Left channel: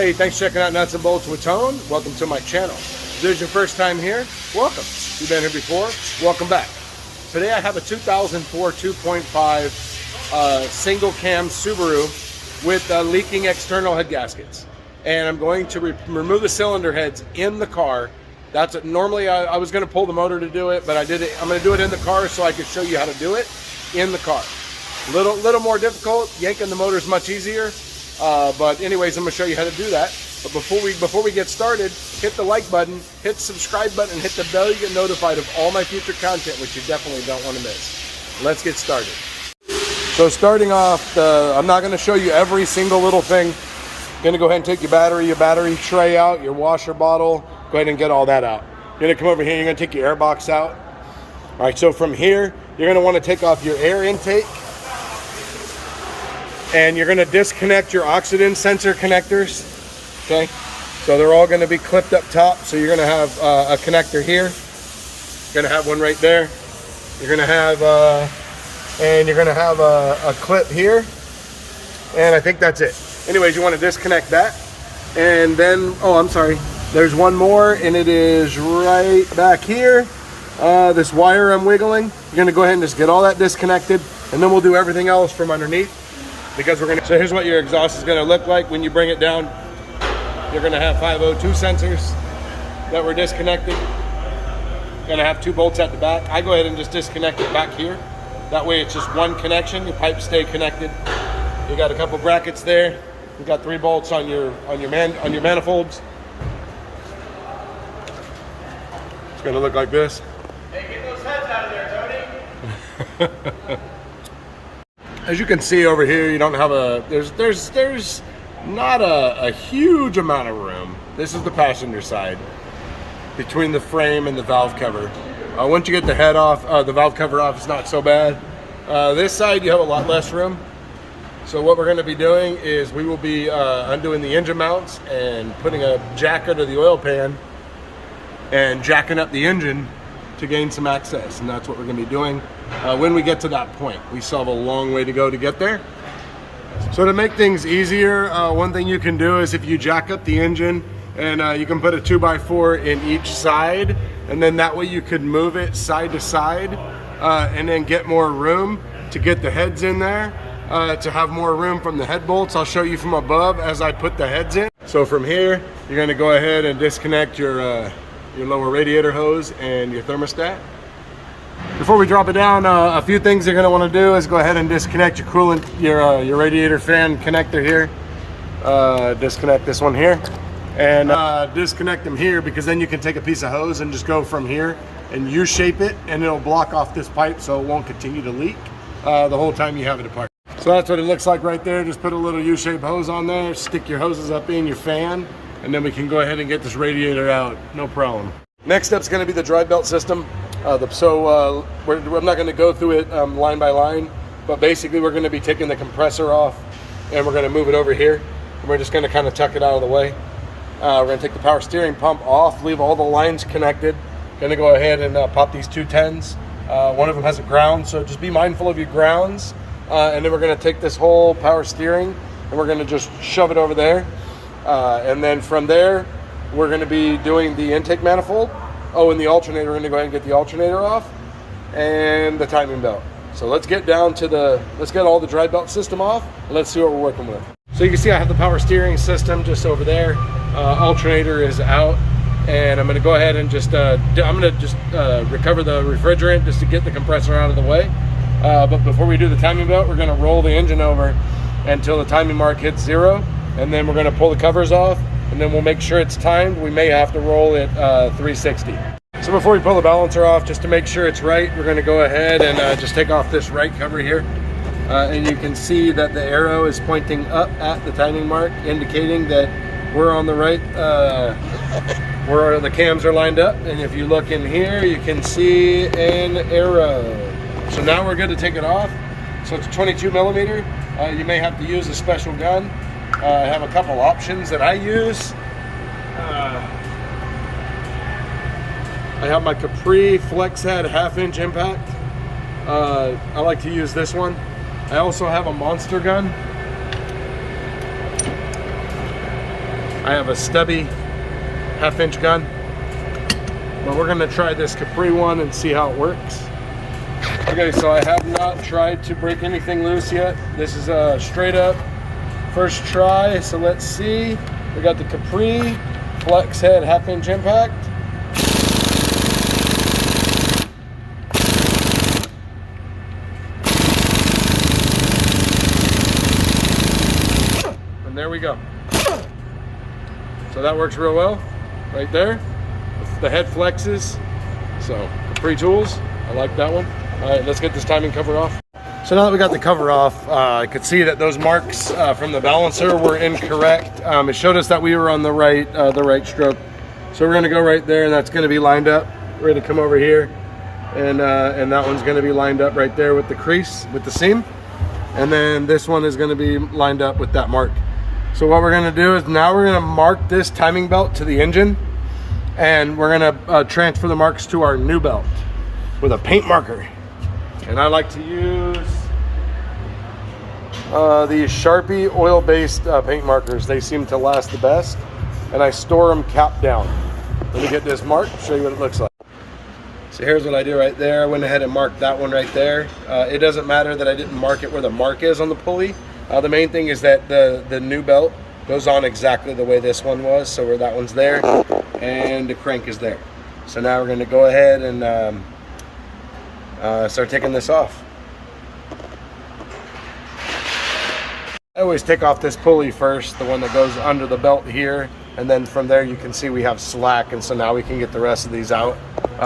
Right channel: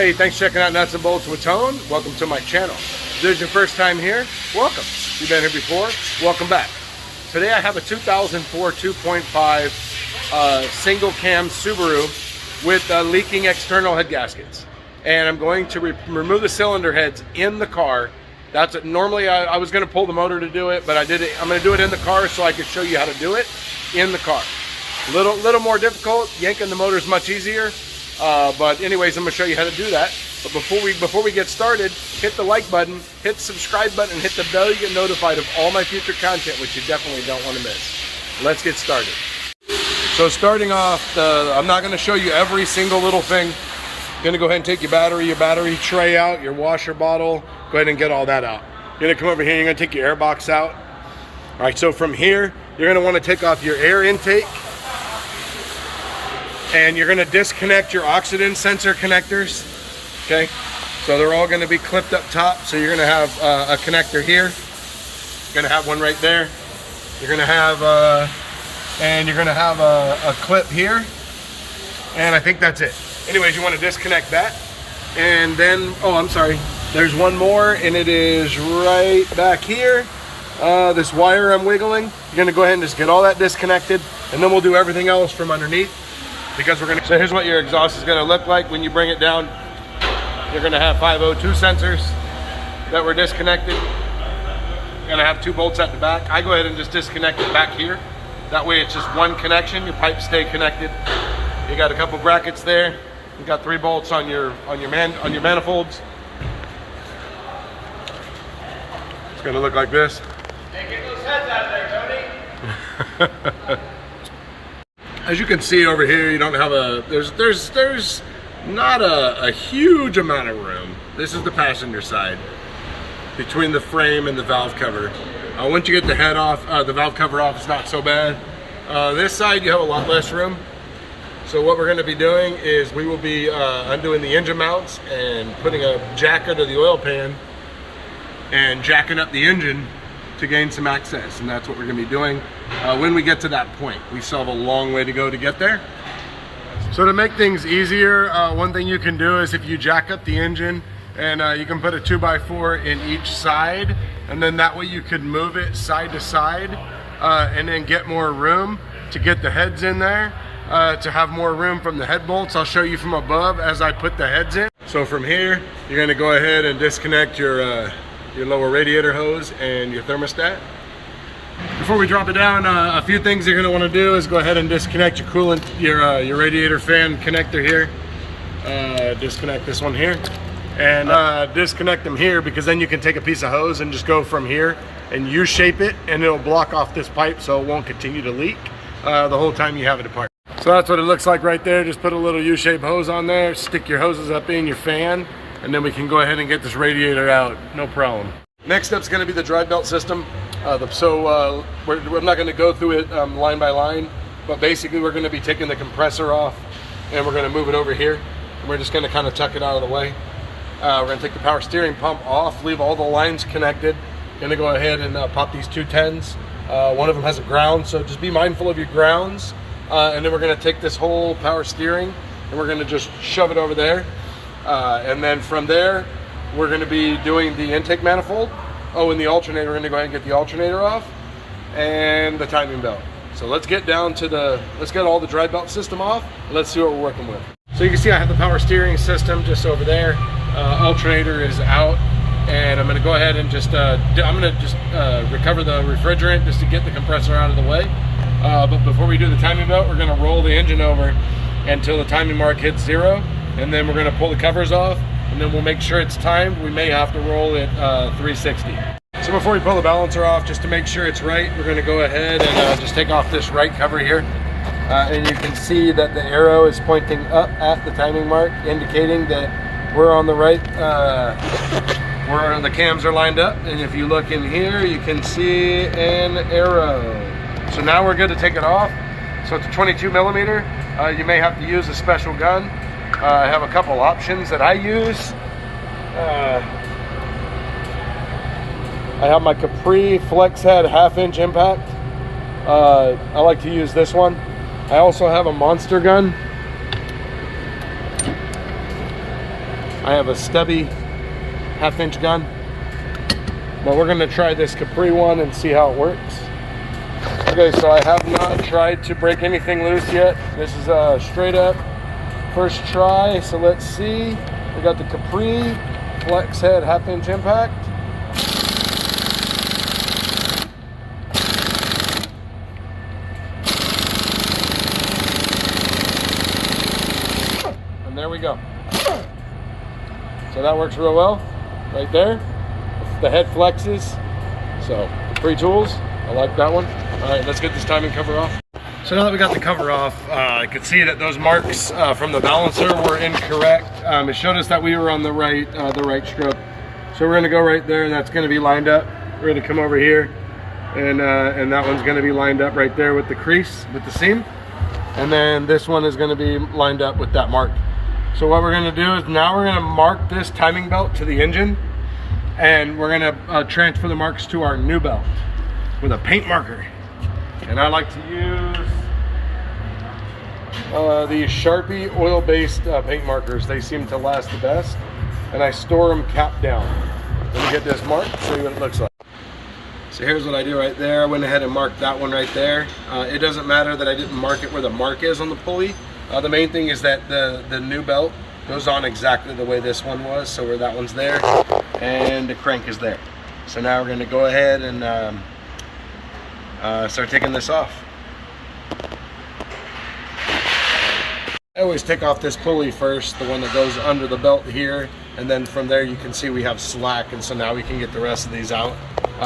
Hey, thanks for checking out Nuts and Bolts with Tone. Welcome to my channel. If this is your first time here, welcome. If you've been here before, welcome back. Today I have a 2004 2.5 single cam Subaru with leaking external head gaskets. And I'm going to remove the cylinder heads in the car. That's it. Normally I was going to pull the motor to do it, but I'm going to do it in the car so I can show you how to do it in the car. Little more difficult. Yanking the motor is much easier. But anyways, I'm going to show you how to do that. But before we get started, hit the like button, hit the subscribe button, and hit the bell. You get notified of all my future content, which you definitely don't want to miss. Let's get started. So starting off, I'm not going to show you every single little thing. I'm going to go ahead and take your battery tray out, your washer bottle. Go ahead and get all that out. You're going to come over here, you're going to take your air box out. All right, so from here, you're going to want to take off your air intake. And you're going to disconnect your oxygen sensor connectors. Okay, so they're all going to be clipped up top. So you're going to have a connector here. You're going to have one right there. You're going to have a clip here. And I think that's it. Anyways, you want to disconnect that. And then, oh, I'm sorry. There's one more, and it is right back here. This wire I'm wiggling. You're going to go ahead and just get all that disconnected, and then we'll do everything else from underneath. Because we're going to, so here's what your exhaust is going to look like when you bring it down. You're going to have 502 sensors that were disconnected. You're going to have 2 bolts at the back. I go ahead and just disconnect it back here. That way it's just one connection. Your pipes stay connected. You got a couple brackets there. You got 3 bolts on your manifolds. It's going to look like this. Hey, get those heads out of there, Tony. As you can see over here, you don't have there's not a huge amount of room. This is the passenger side between the frame and the valve cover. Once you get the head off, the valve cover off, it's not so bad. This side, you have a lot less room. So what we're going to be doing is we will be undoing the engine mounts and putting a jack under the oil pan and jacking up the engine to gain some access, and that's what we're going to be doing when we get to that point. We still have a long way to go to get there. So to make things easier, one thing you can do is if you jack up the engine, and you can put a 2x4 in each side, and then that way you could move it side to side and then get more room to get the heads in there, to have more room from the head bolts. I'll show you from above as I put the heads in. So from here, you're going to go ahead and disconnect your lower radiator hose and your thermostat. Before we drop it down, a few things you're going to want to do is go ahead and disconnect your coolant, your radiator fan connector here. Disconnect this one here, and disconnect them here, because then you can take a piece of hose and just go from here and U-shape it, and it'll block off this pipe so it won't continue to leak the whole time you have it apart. So that's what it looks like right there. Just put a little U-shaped hose on there, stick your hoses up in your fan, and then we can go ahead and get this radiator out, no problem. Next up is going to be the drive belt system. We're not going to go through it line by line, but basically we're going to be taking the compressor off, and we're going to move it over here. And we're just going to kind of tuck it out of the way. We're going to take the power steering pump off, leave all the lines connected. Going to go ahead and pop these 2 10s. One of them has a ground, so just be mindful of your grounds. And then we're going to take this whole power steering, and we're going to just shove it over there. And then from there, we're going to be doing the intake manifold. Oh, and the alternator, we're going to go ahead and get the alternator off, and the timing belt. So let's get down to let's get all the drive belt system off, and let's see what we're working with. So you can see I have the power steering system just over there. Alternator is out, and I'm going to go ahead and just, recover the refrigerant just to get the compressor out of the way. But before we do the timing belt, we're going to roll the engine over until the timing mark hits 0. And then we're going to pull the covers off, and then we'll make sure it's timed. We may have to roll it 360. So before we pull the balancer off, just to make sure it's right, we're going to go ahead and just take off this right cover here. And you can see that the arrow is pointing up at the timing mark, indicating that we're on the right, where the cams are lined up. And if you look in here, you can see an arrow. So now we're good to take it off. So it's 22 millimeter. You may have to use a special gun. I have a couple options that I use. I have my Capri Flex Head 1/2-inch impact. I like to use this one. I also have a monster gun. I have a stubby 1/2-inch gun, but we're gonna try this Capri one and see how it works. Okay, so I have not tried to break anything loose yet. This is a straight up first try, so let's see. We got the Capri flex head 1/2-inch impact. And there we go. So that works real well right there. The head flexes. So Capri tools, I like that one. All right, let's get this timing cover off. So now that we got the cover off, I could see that those marks from the balancer were incorrect. It showed us that we were on the right stroke. So we're gonna go right there, and that's gonna be lined up. We're gonna come over here, and that one's gonna be lined up right there with the crease, with the seam. And then this one is gonna be lined up with that mark. So what we're gonna do is now we're gonna mark this timing belt to the engine, and we're gonna transfer the marks to our new belt with a paint marker. And I like to use these Sharpie oil-based paint markers. They seem to last the best, and I store them cap down. Let me get this marked, show you what it looks like. So here's what I do right there. I went ahead and marked that one right there. It doesn't matter that I didn't mark it where the mark is on the pulley. The main thing is that the new belt goes on exactly the way this one was, so where that one's there, and the crank is there. So now we're gonna go ahead and start taking this off. I always take off this pulley first, the one that goes under the belt here, and then from there you can see we have slack, and so now we can get the rest of these out.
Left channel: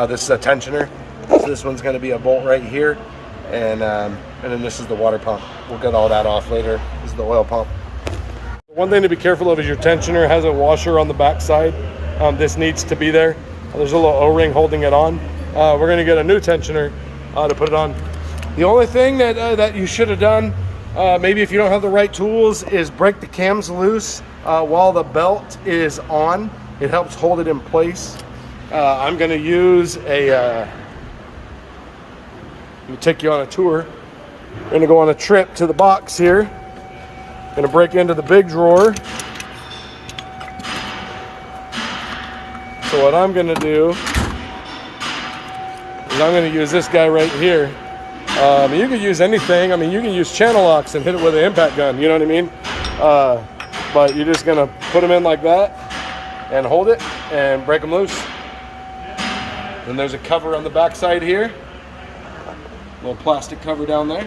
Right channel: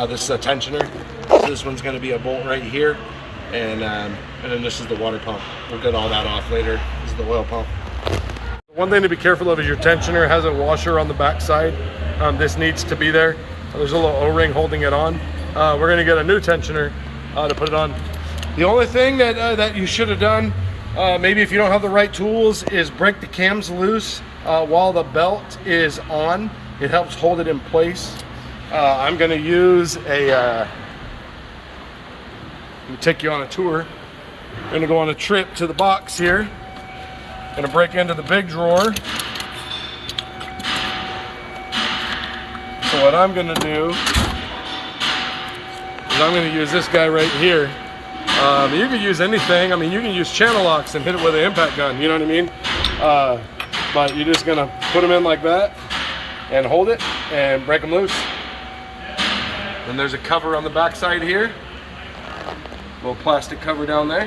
This is a tensioner, so this one's going to be a bolt right here, and then this is the water pump. We'll get all that off later. This is the oil pump. One thing to be careful of is your tensioner has a washer on the back side. This needs to be there. There's a little O-ring holding it on. We're going to get a new tensioner to put it on. The only thing that you should have done, maybe if you don't have the right tools, is break the cams loose while the belt is on. It helps hold it in place. I'm going to use let me take you on a tour. I'm going to go on a trip to the box here. I'm going to break into the big drawer. So what I'm going to do is I'm going to use this guy right here. You can use anything. I mean, you can use channel locks and hit it with an impact gun, you know what I mean? But you're just gonna put them in like that and hold it and break them loose. Then there's a cover on the back side here. Little plastic cover down there.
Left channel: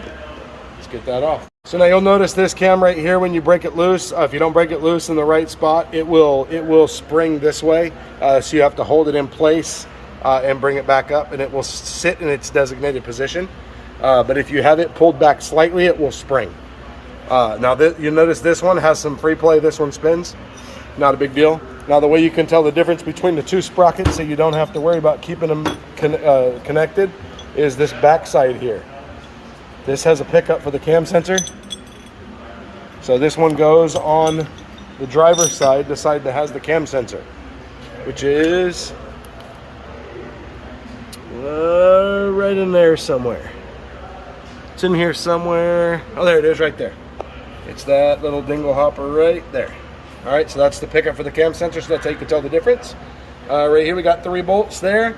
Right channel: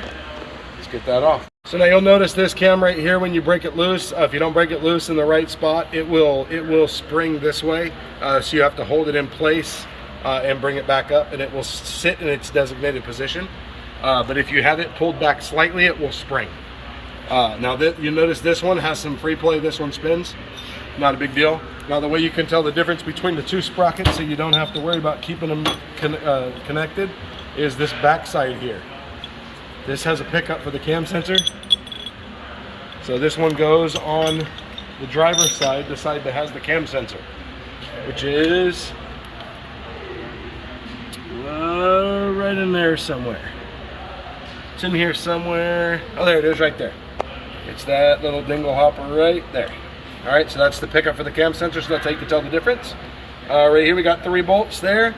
Let's get that off. So now you'll notice this cam right here, when you break it loose, if you don't break it loose in the right spot, it will spring this way. So you have to hold it in place and bring it back up, and it will sit in its designated position. But if you have it pulled back slightly, it will spring. Now you notice this one has some free play. This one spins. Not a big deal. Now the way you can tell the difference between the two sprockets, so you don't have to worry about keeping them connected, is this back side here. This has a pickup for the cam sensor. So this one goes on the driver's side, the side that has the cam sensor, which is right in there somewhere. It's in here somewhere. Oh, there it is right there. It's that little dingle hopper right there. All right, so that's the pickup for the cam sensor, so that's how you can tell the difference. Right here we got 3 bolts there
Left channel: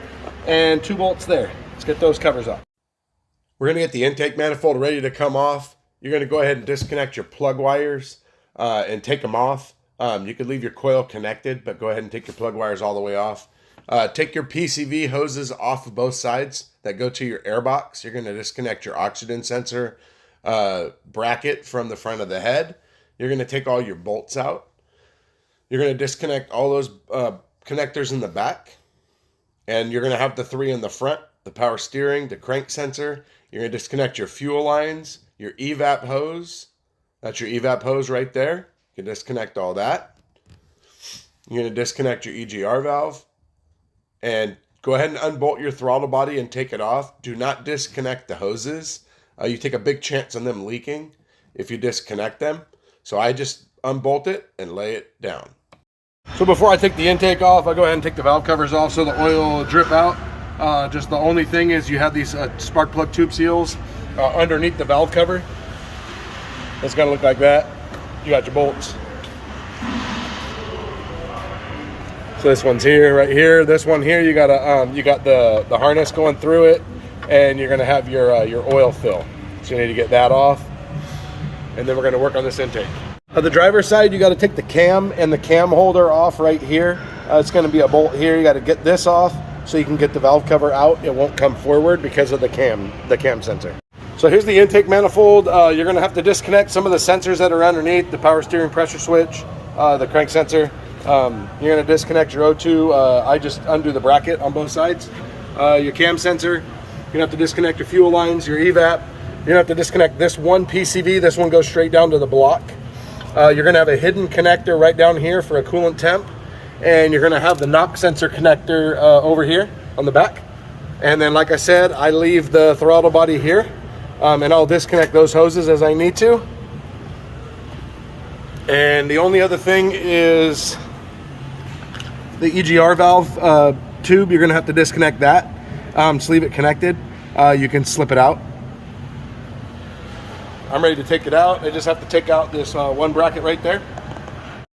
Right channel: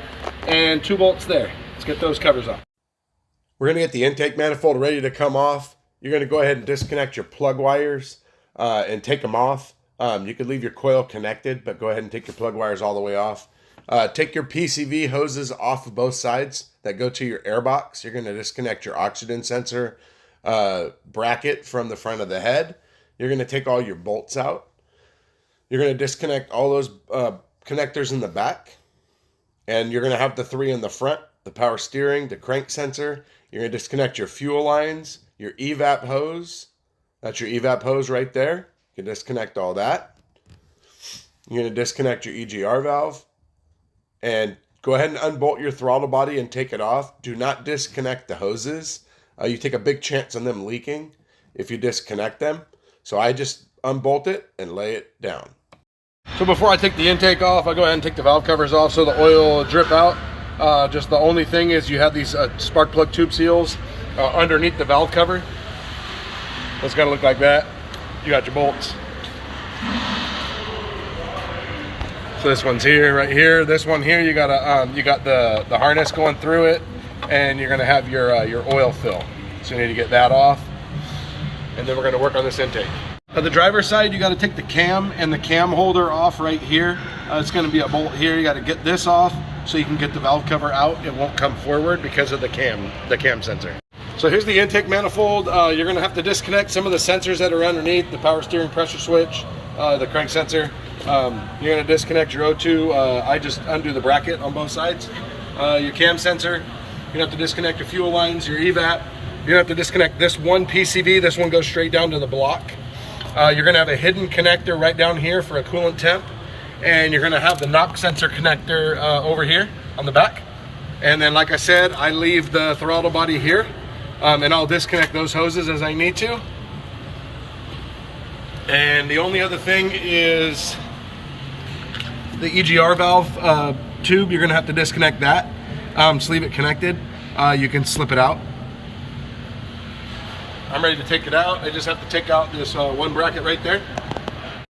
and 2 bolts there. Let's get those covers off. We're gonna get the intake manifold ready to come off. You're gonna go ahead and disconnect your plug wires and take them off. You could leave your coil connected, but go ahead and take your plug wires all the way off. Take your PCV hoses off of both sides that go to your air box. You're gonna disconnect your oxygen sensor bracket from the front of the head. You're gonna take all your bolts out. You're gonna disconnect all those connectors in the back. And you're gonna have the 3 in the front, the power steering, the crank sensor. You're gonna disconnect your fuel lines, your evap hose. That's your evap hose right there. You can disconnect all that. You're gonna disconnect your EGR valve. And go ahead and unbolt your throttle body and take it off. Do not disconnect the hoses. You take a big chance on them leaking if you disconnect them. So I just unbolt it and lay it down. So before I take the intake off, I'll go ahead and take the valve covers off so the oil will drip out. Just the only thing is you have these spark plug tube seals underneath the valve cover. It's gonna look like that. You got your bolts. So this one's here, right here. This one here, you got the harness going through it, and you're gonna have your oil fill. So you need to get that off, and then we're gonna work on this intake. On the driver's side, you got to take the cam and the cam holder off right here. It's going to be a bolt here. You got to get this off so you can get the valve cover out. It won't come forward because of the cam sensor. So here's the intake manifold. You're going to have to disconnect some of the sensors that are underneath, the power steering pressure switch, the crank sensor. You're going to disconnect your O2. I just undo the bracket on both sides. Your cam sensor. You're going to have to disconnect your fuel lines, your evap. You're going to have to disconnect this one PCV. This one goes straight down to the block. You're going to have a hidden connector right down here for a coolant temp, and you're going to have the knock sensor connector over here on the back. And then, like I said, I leave the throttle body here, and I'll disconnect those hoses as I need to. And the only other thing is the EGR valve tube. You're going to have to disconnect that. Just leave it connected. You can slip it out. I'm ready to take it out. I just have to take out this one bracket right there.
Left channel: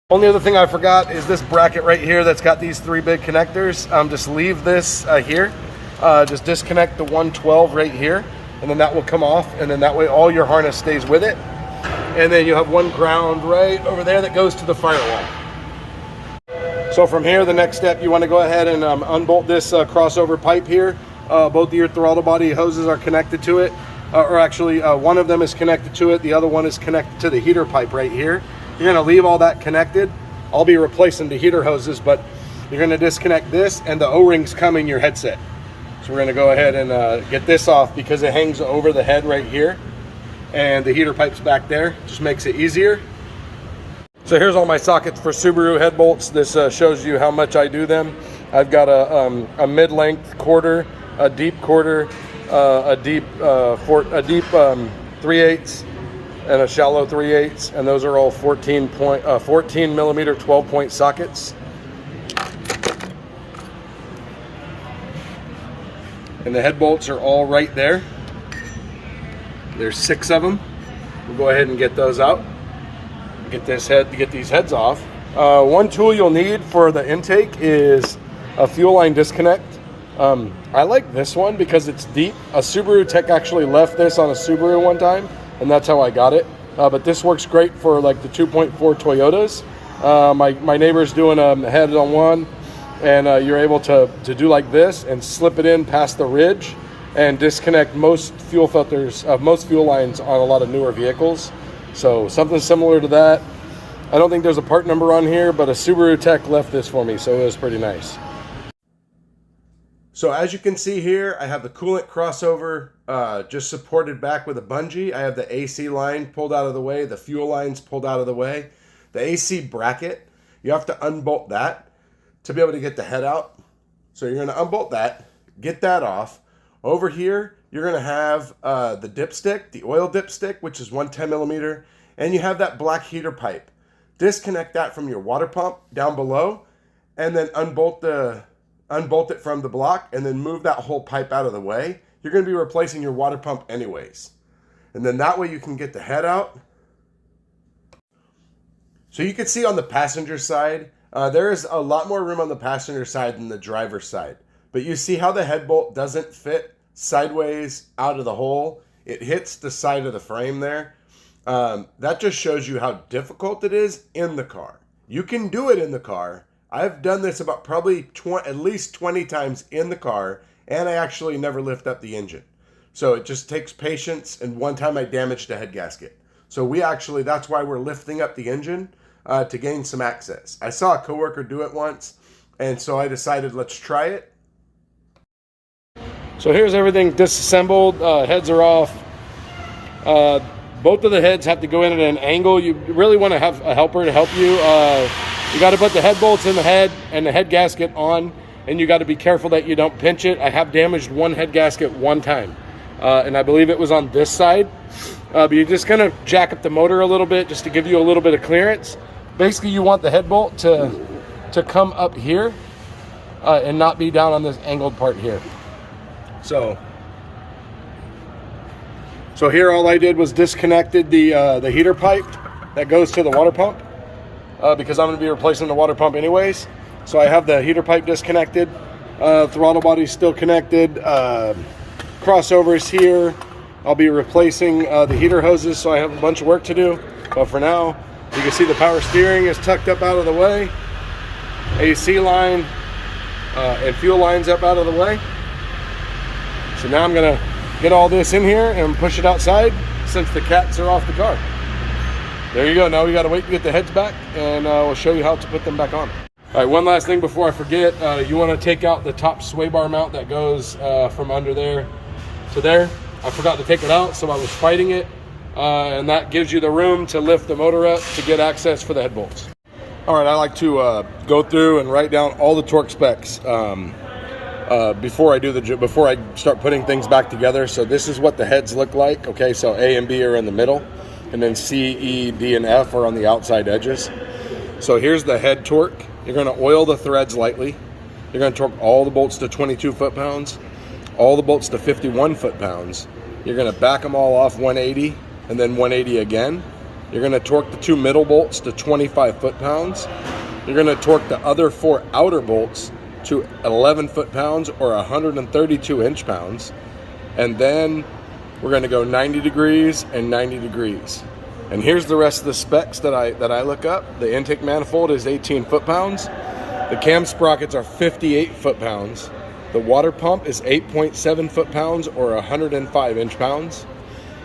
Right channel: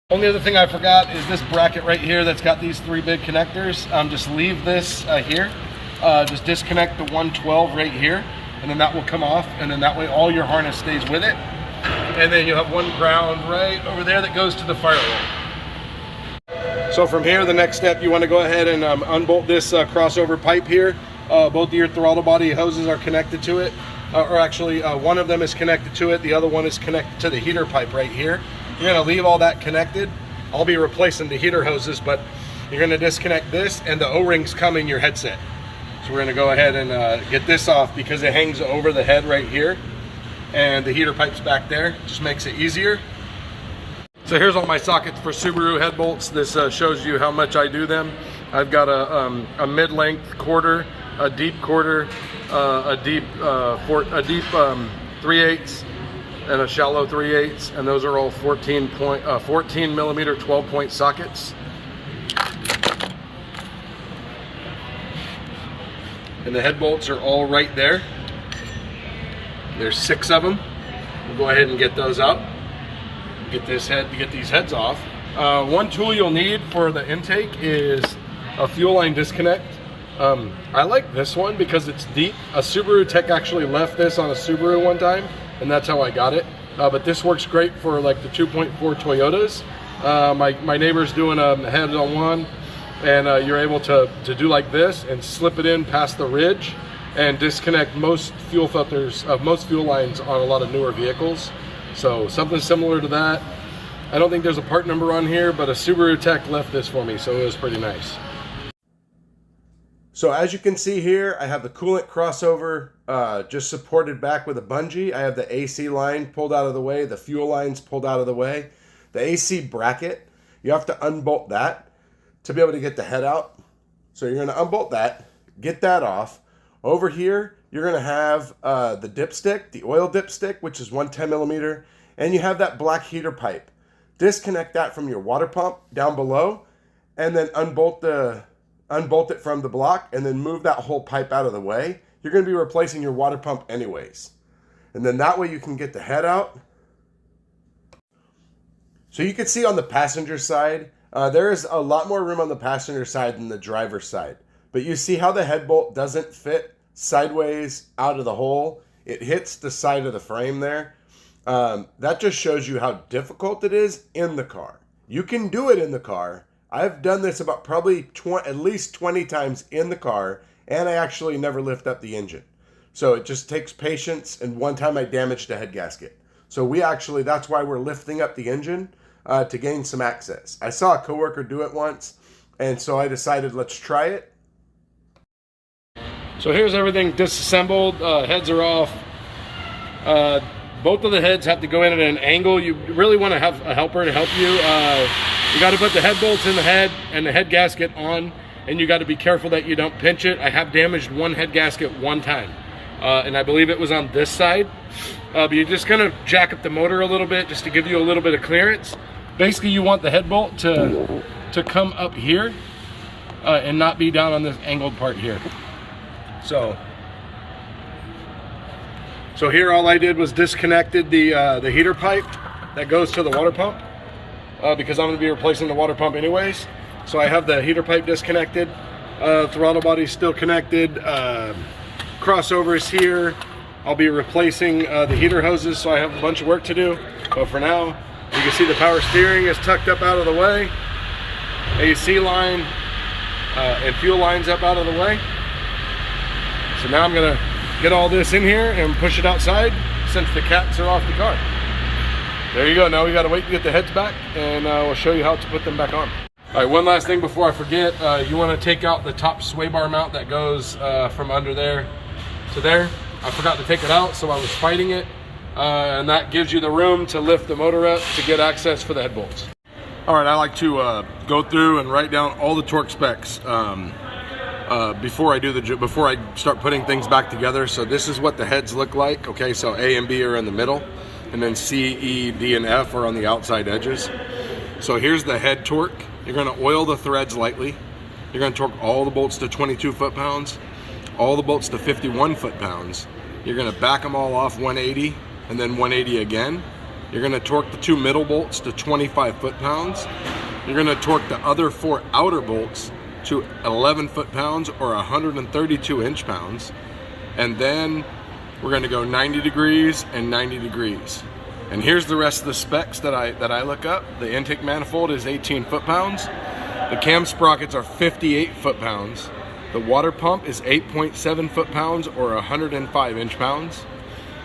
Only other thing I forgot is this bracket right here that's got these three big connectors. Just leave this here. Just disconnect the 112 right here, and then that will come off, and then that way all your harness stays with it. And then you have one ground right over there that goes to the firewall. So from here, the next step, you want to go ahead and unbolt this crossover pipe here. Both of your throttle body hoses are connected to it. Or actually, one of them is connected to it. The other one is connected to the heater pipe right here. You're going to leave all that connected. I'll be replacing the heater hoses, but you're going to disconnect this, and the O-rings come in your headset. So we're going to go ahead and get this off because it hangs over the head right here, and the heater pipe's back there. Just makes it easier. So here's all my sockets for Subaru head bolts. This shows you how much I do them. I've got a mid-length quarter, a deep quarter, a deep 3/8 and a shallow 3/8, and those are all 14 millimeter 12-point sockets. And the head bolts are all right there. There's 6 of them. We'll go ahead and get those out. Get these heads off. One tool you'll need for the intake is a fuel line disconnect. I like this one because it's deep. A Subaru tech actually left this on a Subaru one time, and that's how I got it. But this works great for like the 2.4 Toyotas. My neighbor's doing a head on one, and you're able to do like this and slip it in past the ridge and disconnect most fuel filters, most fuel lines on a lot of newer vehicles. So something similar to that. I don't think there's a part number on here, but a Subaru tech left this for me, so it was pretty nice. So as you can see here, I have the coolant crossover just supported back with a bungee. I have the AC line pulled out of the way, the fuel lines pulled out of the way. The AC bracket, you have to unbolt that to be able to get the head out. So you're gonna unbolt that, get that off. Over here, you're gonna have the dipstick, the oil dipstick, which is 110 millimeter, and you have that black heater pipe. Disconnect that from your water pump down below, and then unbolt it from the block, and then move that whole pipe out of the way. You're going to be replacing your water pump anyways. And then that way you can get the head out. So you can see on the passenger side, there is a lot more room on the passenger side than the driver's side. But you see how the head bolt doesn't fit sideways out of the hole. It hits the side of the frame there. That just shows you how difficult it is in the car. You can do it in the car. I've done this about probably at least 20 times in the car, and I actually never lift up the engine. So it just takes patience, and one time I damaged a head gasket. So that's why we're lifting up the engine to gain some access. I saw a coworker do it once, and so I decided let's try it. So here's everything disassembled, heads are off. Both of the heads have to go in at an angle. You really want to have a helper to help you. You got to put the head bolts in the head and the head gasket on, and you got to be careful that you don't pinch it. I have damaged one head gasket one time, and I believe it was on this side. But you're just going to jack up the motor a little bit just to give you a little bit of clearance. Basically, you want the head bolt to come up here and not be down on this angled part here. So here all I did was disconnected the heater pipe that goes to the water pump because I'm going to be replacing the water pump anyways. So I have the heater pipe disconnected, throttle body's still connected, crossovers here. I'll be replacing the heater hoses, so I have a bunch of work to do. But for now, you can see the power steering is tucked up out of the way. AC line and fuel lines up out of the way. So now I'm gonna get all this in here and push it outside since the cats are off the car. There you go. Now we gotta wait to get the heads back, and we'll show you how to put them back on. All right, one last thing before I forget. You wanna take out the top sway bar mount that goes from under there to there. I forgot to take it out, so I was fighting it. And that gives you the room to lift the motor up to get access for the head bolts. All right, I like to go through and write down all the torque specs before I start putting things back together. So this is what the heads look like. Okay, so A and B are in the middle, and then C, E, D, and F are on the outside edges. So here's the head torque. You're going to oil the threads lightly. You're going to torque all the bolts to 22 foot-pounds, all the bolts to 51 foot-pounds. You're going to back them all off 180 and then 180 again. You're going to torque the 2 middle bolts to 25 foot-pounds. You're going to torque the other 4 outer bolts to 11 foot-pounds or 132 inch-pounds. And then we're going to go 90 degrees and 90 degrees. And here's the rest of the specs that I look up. The intake manifold is 18 foot-pounds. The cam sprockets are 58 foot-pounds. The water pump is 8.7 foot-pounds or 105 inch-pounds.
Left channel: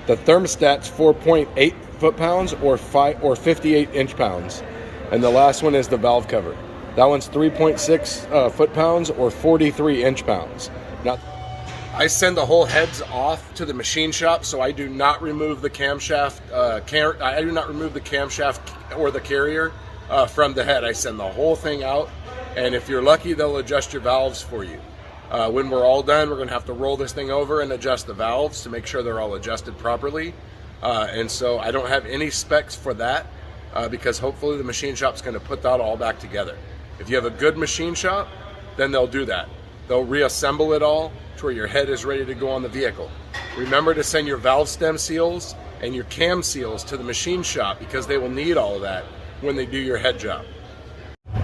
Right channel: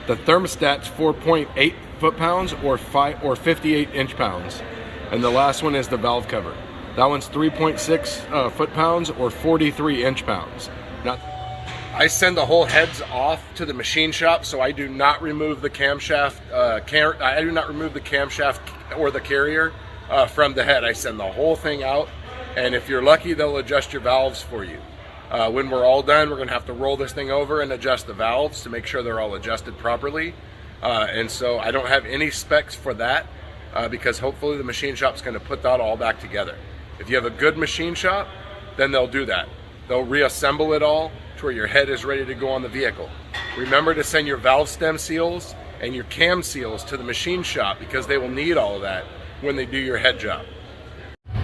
The thermostat's 4.8 foot-pounds or 58 inch-pounds. And the last one is the valve cover. That one's 3.6 foot-pounds or 43 inch-pounds. Now, I send the whole heads off to the machine shop, so I do not remove the camshaft. I do not remove the camshaft or the carrier from the head. I send the whole thing out, and if you're lucky, they'll adjust your valves for you. When we're all done, we're going to have to roll this thing over and adjust the valves to make sure they're all adjusted properly. And so I don't have any specs for that because hopefully the machine shop's going to put that all back together. If you have a good machine shop, then they'll do that. They'll reassemble it all to where your head is ready to go on the vehicle. Remember to send your valve stem seals and your cam seals to the machine shop because they will need all of that when they do your head job.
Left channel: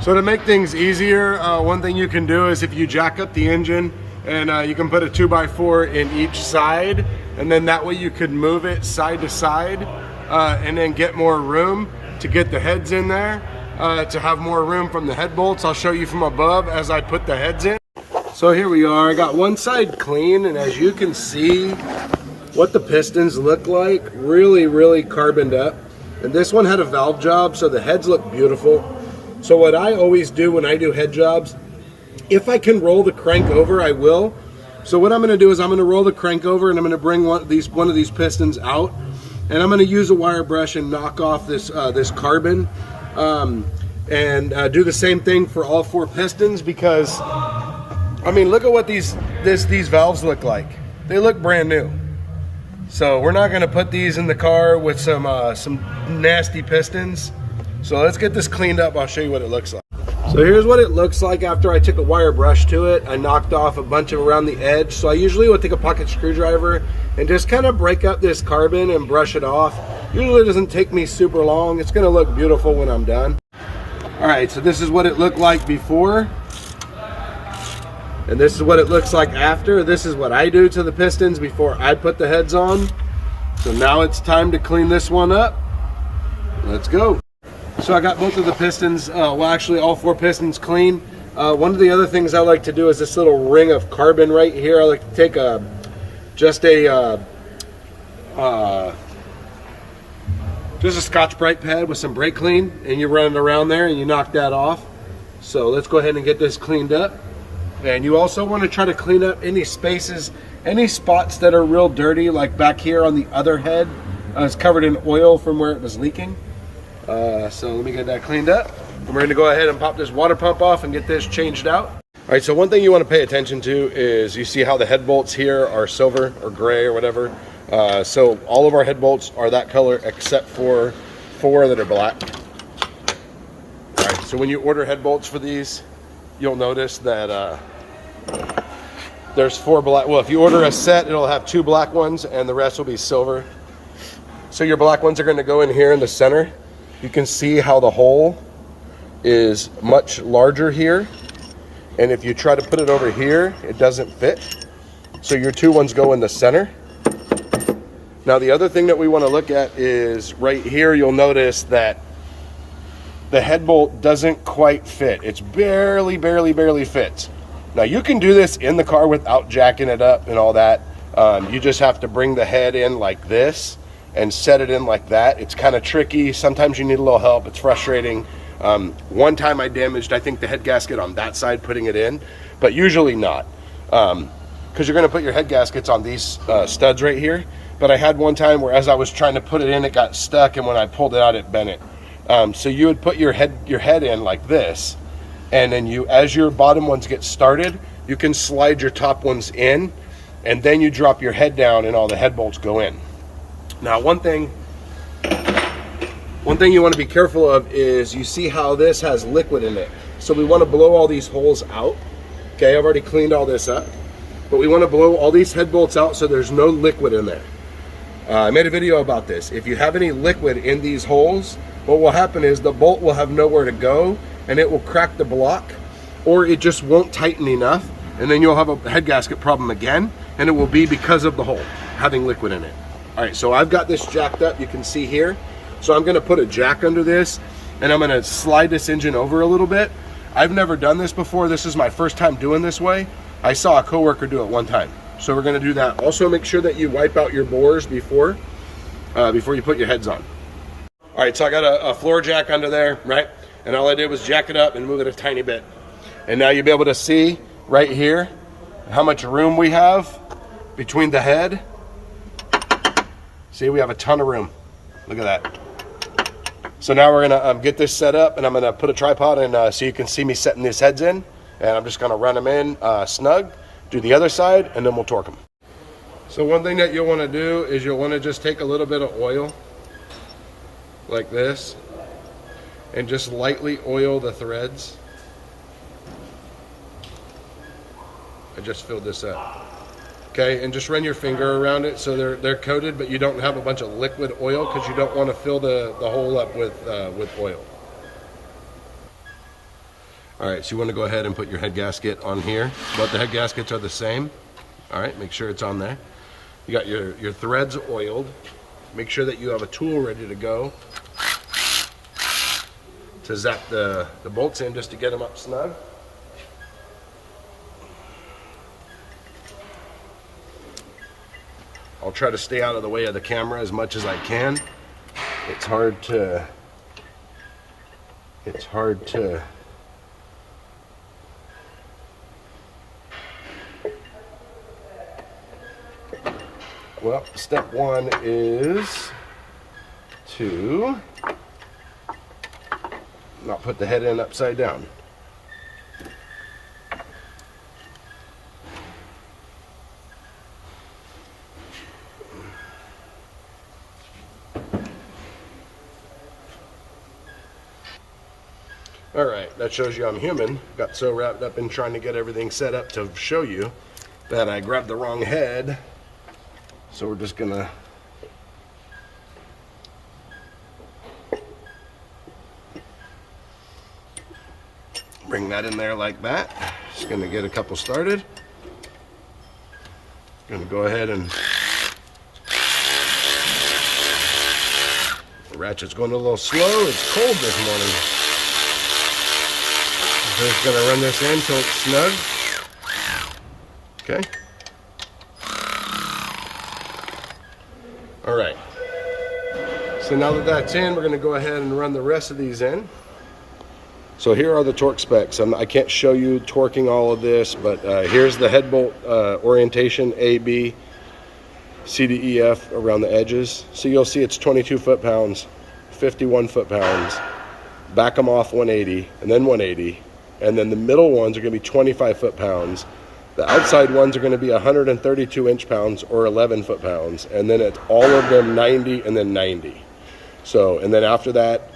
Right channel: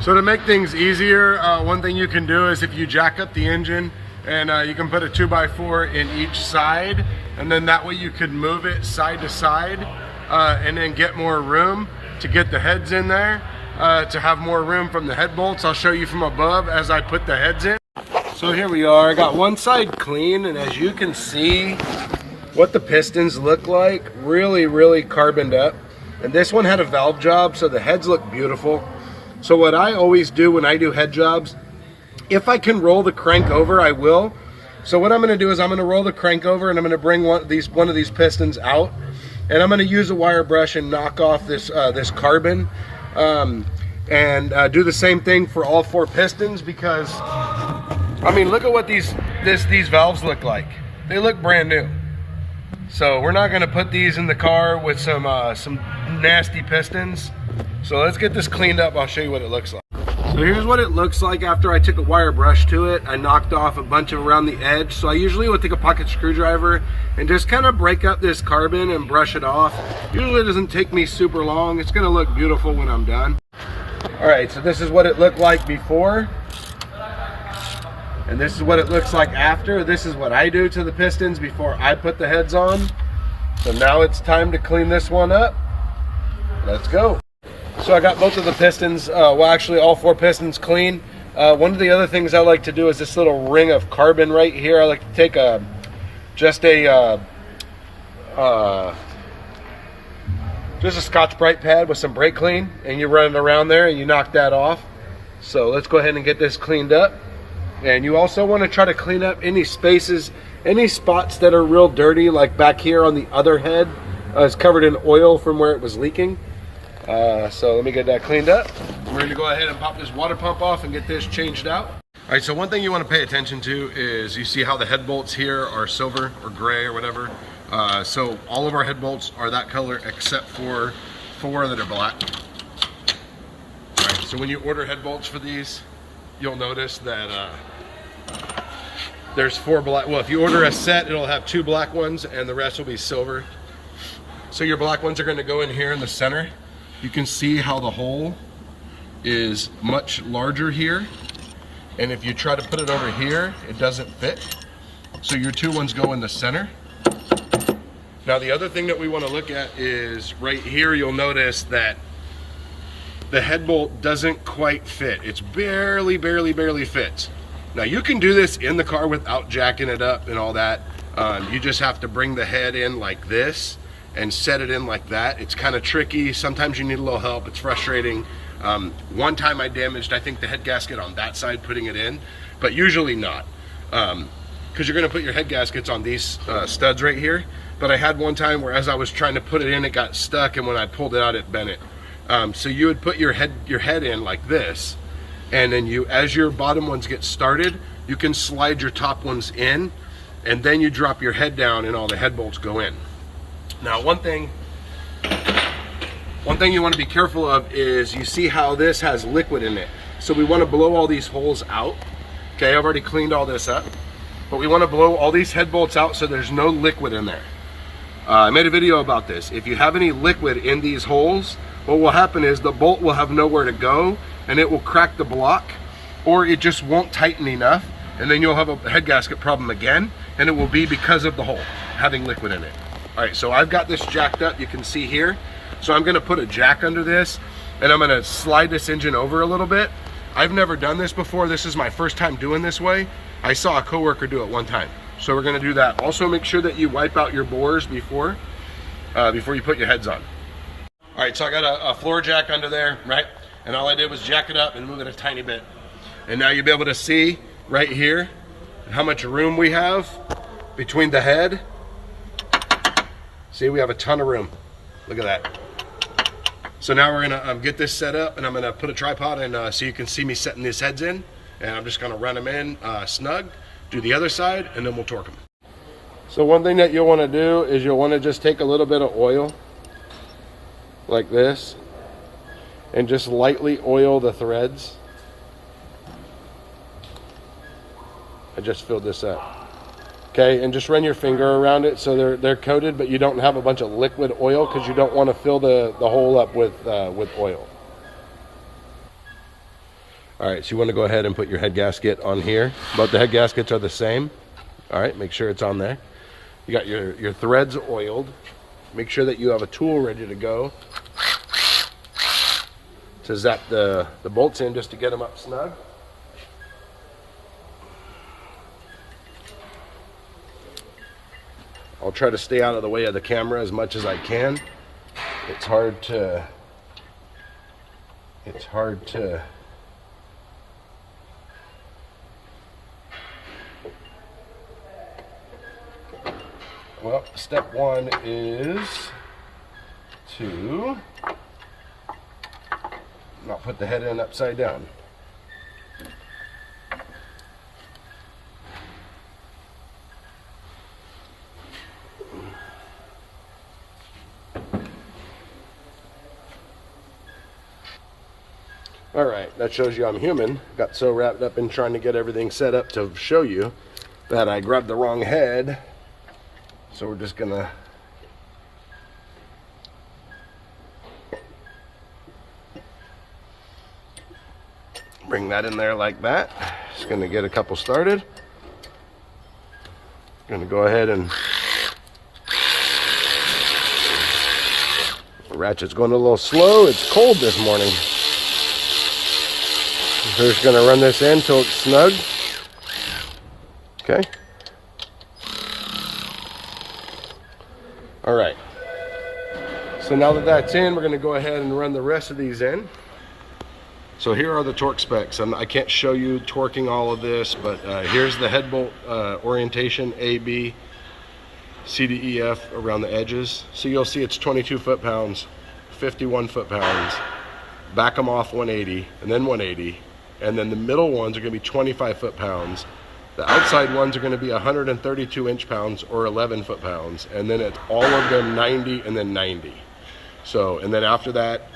So to make things easier, one thing you can do is if you jack up the engine and you can put a 2x4 in each side, and then that way you could move it side to side and then get more room to get the heads in there, to have more room from the head bolts. I'll show you from above as I put the heads in. So here we are, I got one side clean, and as you can see what the pistons look like, really carboned up. And this one had a valve job, so the heads look beautiful. So what I always do when I do head jobs, if I can roll the crank over, I will. So what I'm going to do is I'm going to roll the crank over, and I'm going to bring one of these pistons out, and I'm going to use a wire brush and knock off this carbon, and do the same thing for all 4 pistons, because I mean, look at what these valves look like. They look brand new. So we're not going to put these in the car with some nasty pistons. So let's get this cleaned up. I'll show you what it looks like. So here's what it looks like after I took a wire brush to it. I knocked off a bunch of around the edge. So I usually would take a pocket screwdriver and just kind of break up this carbon and brush it off. Usually it doesn't take me super long. It's going to look beautiful when I'm done. All right, so this is what it looked like before. And this is what it looks like after. This is what I do to the pistons before I put the heads on. So now it's time to clean this one up. Let's go. So I got both of the pistons, well actually all 4 pistons clean. One of the other things I like to do is this little ring of carbon right here. I like to take just a Scotch-Brite pad with some brake clean, and you run it around there and you knock that off. So let's go ahead and get this cleaned up. And you also want to try to clean up any spaces, any spots that are real dirty, like back here on the other head. It's covered in oil from where it was leaking. So let me get that cleaned up. And we're going to go ahead and pop this water pump off and get this changed out. All right, so one thing you want to pay attention to is you see how the head bolts here are silver or gray or whatever. So all of our head bolts are that color except for 4 that are black. All right, so when you order head bolts for these, you'll notice that there's 4 black. Well, if you order a set, it'll have 2 black ones and the rest will be silver. So your black ones are going to go in here in the center. You can see how the hole is much larger here. And if you try to put it over here, it doesn't fit. So your two ones go in the center. Now the other thing that we want to look at is right here, you'll notice that the head bolt doesn't quite fit. It's barely fits. Now you can do this in the car without jacking it up and all that. You just have to bring the head in like this and set it in like that. It's kind of tricky. Sometimes you need a little help. It's frustrating. One time I damaged, I think, the head gasket on that side putting it in, but usually not. Because you're going to put your head gaskets on these studs right here. But I had one time where as I was trying to put it in, it got stuck, and when I pulled it out, it bent it. So you would put your head in like this, and then as your bottom ones get started, you can slide your top ones in, and then you drop your head down and all the head bolts go in. Now one thing you want to be careful of is, you see how this has liquid in it. So we want to blow all these holes out. Okay, I've already cleaned all this up, but we want to blow all these head bolts out so there's no liquid in there. I made a video about this. If you have any liquid in these holes, what will happen is the bolt will have nowhere to go, and it will crack the block, or it just won't tighten enough, and then you'll have a head gasket problem again, and it will be because of the hole having liquid in it. All right, so I've got this jacked up, you can see here. So I'm gonna put a jack under this, and I'm gonna slide this engine over a little bit. I've never done this before. This is my first time doing this way. I saw a coworker do it one time. So we're gonna do that. Also make sure that you wipe out your bores before you put your heads on. All right, so I got a floor jack under there, right? And all I did was jack it up and move it a tiny bit. And now you'll be able to see right here how much room we have between the head. See, we have a ton of room. Look at that. So now we're gonna get this set up, and I'm gonna put a tripod in so you can see me setting these heads in. And I'm just gonna run them in snug, do the other side, and then we'll torque them. So one thing that you'll wanna do is you'll wanna just take a little bit of oil, like this, and just lightly oil the threads. I just filled this up. Okay, and just run your finger around it so they're coated, but you don't have a bunch of liquid oil, because you don't want to fill the hole up with oil. All right, so you want to go ahead and put your head gasket on here. But the head gaskets are the same. All right, make sure it's on there. You got your threads oiled. Make sure that you have a tool ready to go to zap the bolts in, just to get them up snug. I'll try to stay out of the way of the camera as much as I can. It's hard to well, step one is to not put the head in upside down. All right, that shows you I'm human. Got so wrapped up in trying to get everything set up to show you that I grabbed the wrong head. So we're just gonna bring that in there like that. Just gonna get a couple started. Gonna go ahead and the ratchet's going a little slow. It's cold this morning. We're just going to run this in until it's snug. Okay. All right. So now that that's in, we're going to go ahead and run the rest of these in. So here are the torque specs. I can't show you torquing all of this, but here's the head bolt orientation, A, B, C, D, E, F around the edges. So you'll see it's 22 foot-pounds, 51 foot-pounds. Back them off 180, and then 180. And then the middle ones are going to be 25 foot-pounds. The outside ones are going to be 132 inch-pounds or 11 foot-pounds. And then it's all of them 90 and then 90. So, and then after that,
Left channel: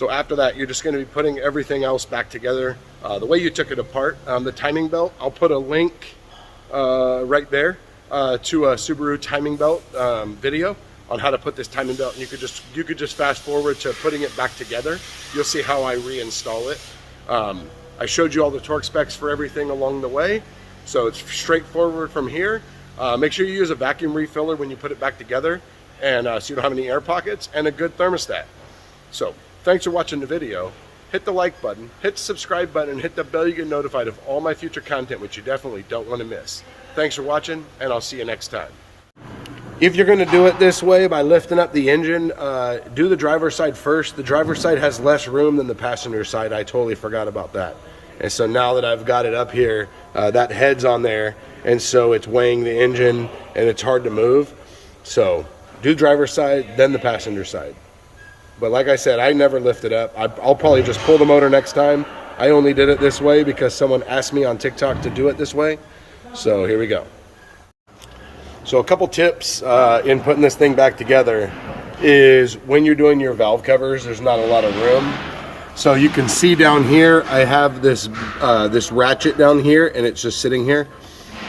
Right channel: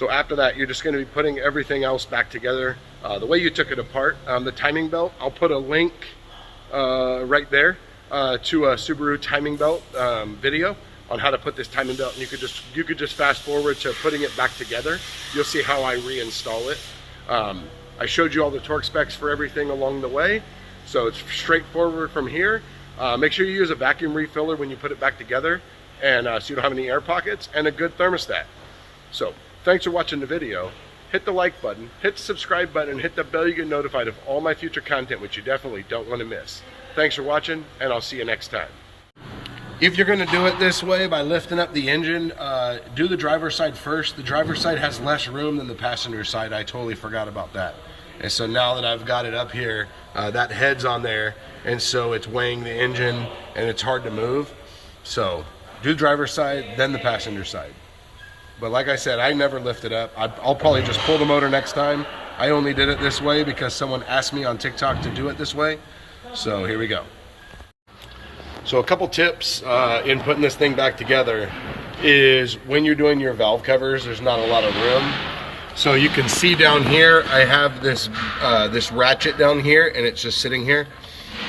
you're just going to be putting everything else back together the way you took it apart. The timing belt, I'll put a link right there to a Subaru timing belt video on how to put this timing belt, and you could just fast forward to putting it back together. You'll see how I reinstall it. I showed you all the torque specs for everything along the way, so it's straightforward from here. Make sure you use a vacuum refiller when you put it back together, and so you don't have any air pockets, and a good thermostat. So thanks for watching the video. Hit the like button, hit the subscribe button, and hit the bell. You get notified of all my future content, which you definitely don't want to miss. Thanks for watching, and I'll see you next time. If you're going to do it this way by lifting up the engine, do the driver's side first. The driver's side has less room than the passenger side. I totally forgot about that. And so now that I've got it up here, that head's on there, and so it's weighing the engine and it's hard to move. So do the driver's side, then the passenger side. But like I said, I never lift it up. I'll probably just pull the motor next time. I only did it this way because someone asked me on TikTok to do it this way. So here we go. So a couple tips in putting this thing back together is when you're doing your valve covers, there's not a lot of room. So you can see down here, I have this this ratchet down here, and it's just sitting here,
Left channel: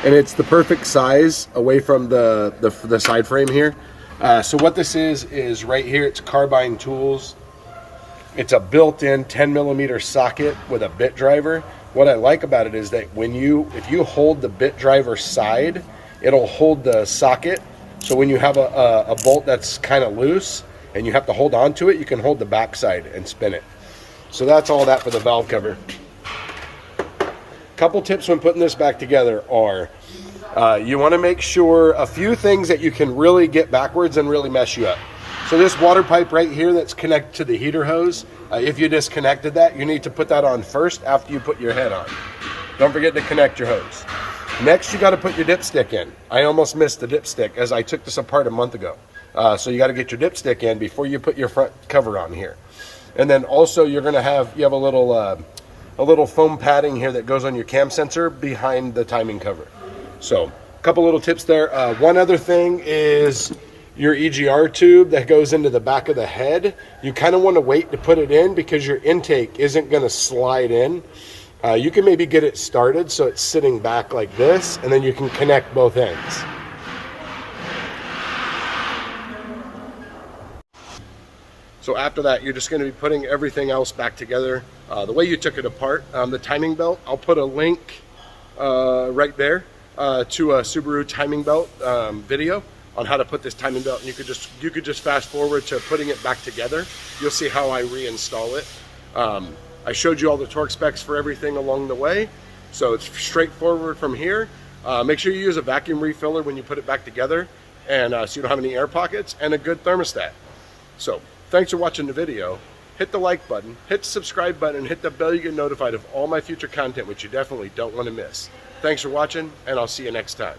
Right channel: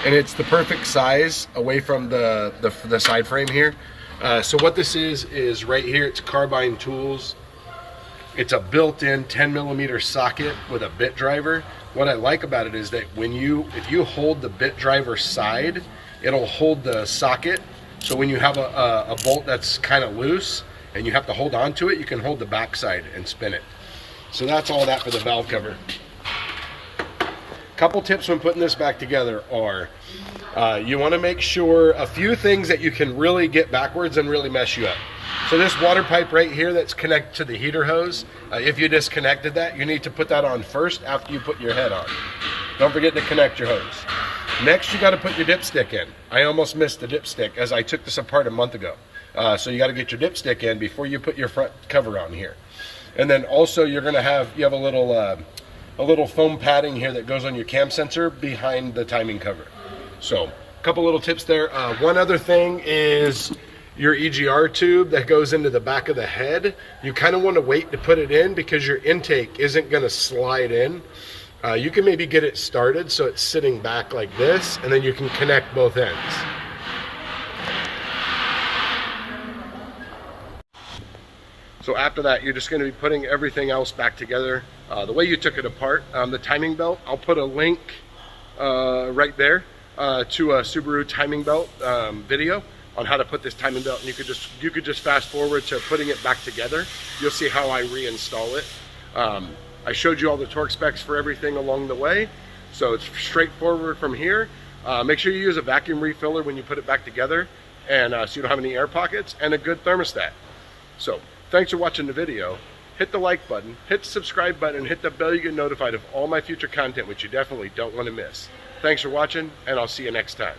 and it's the perfect size away from the side frame here. So what this is right here, it's Carbine Tools. It's a built-in 10mm socket with a bit driver. What I like about it is that if you hold the bit driver side, it'll hold the socket. So when you have a bolt that's kind of loose and you have to hold on to it, you can hold the back side and spin it. So that's all that for the valve cover. Couple tips when putting this back together are, you want to make sure a few things that you can really get backwards and really mess you up. So this water pipe right here that's connected to the heater hose, if you disconnected that, you need to put that on first after you put your head on. Don't forget to connect your hose. Next, you got to put your dipstick in. I almost missed the dipstick as I took this apart a month ago. So you got to get your dipstick in before you put your front cover on here. And then also you have a little foam padding here that goes on your cam sensor behind the timing cover. So a couple little tips there. One other thing is your EGR tube that goes into the back of the head. You kind of want to wait to put it in because your intake isn't going to slide in. You can maybe get it started so it's sitting back like this, and then you can connect both ends. So after that, you're just going to be putting everything else back together the way you took it apart. The timing belt, I'll put a link right there to a Subaru timing belt video on how to put this timing belt, and you could just fast forward to putting it back together. You'll see how I reinstall it. I showed you all the torque specs for everything along the way, so it's straightforward from here. Make sure you use a vacuum refiller when you put it back together, and so you don't have any air pockets, and a good thermostat. So thanks for watching the video. Hit the like button, hit the subscribe button, and hit the bell. You get notified of all my future content, which you definitely don't want to miss. Thanks for watching, and I'll see you next time.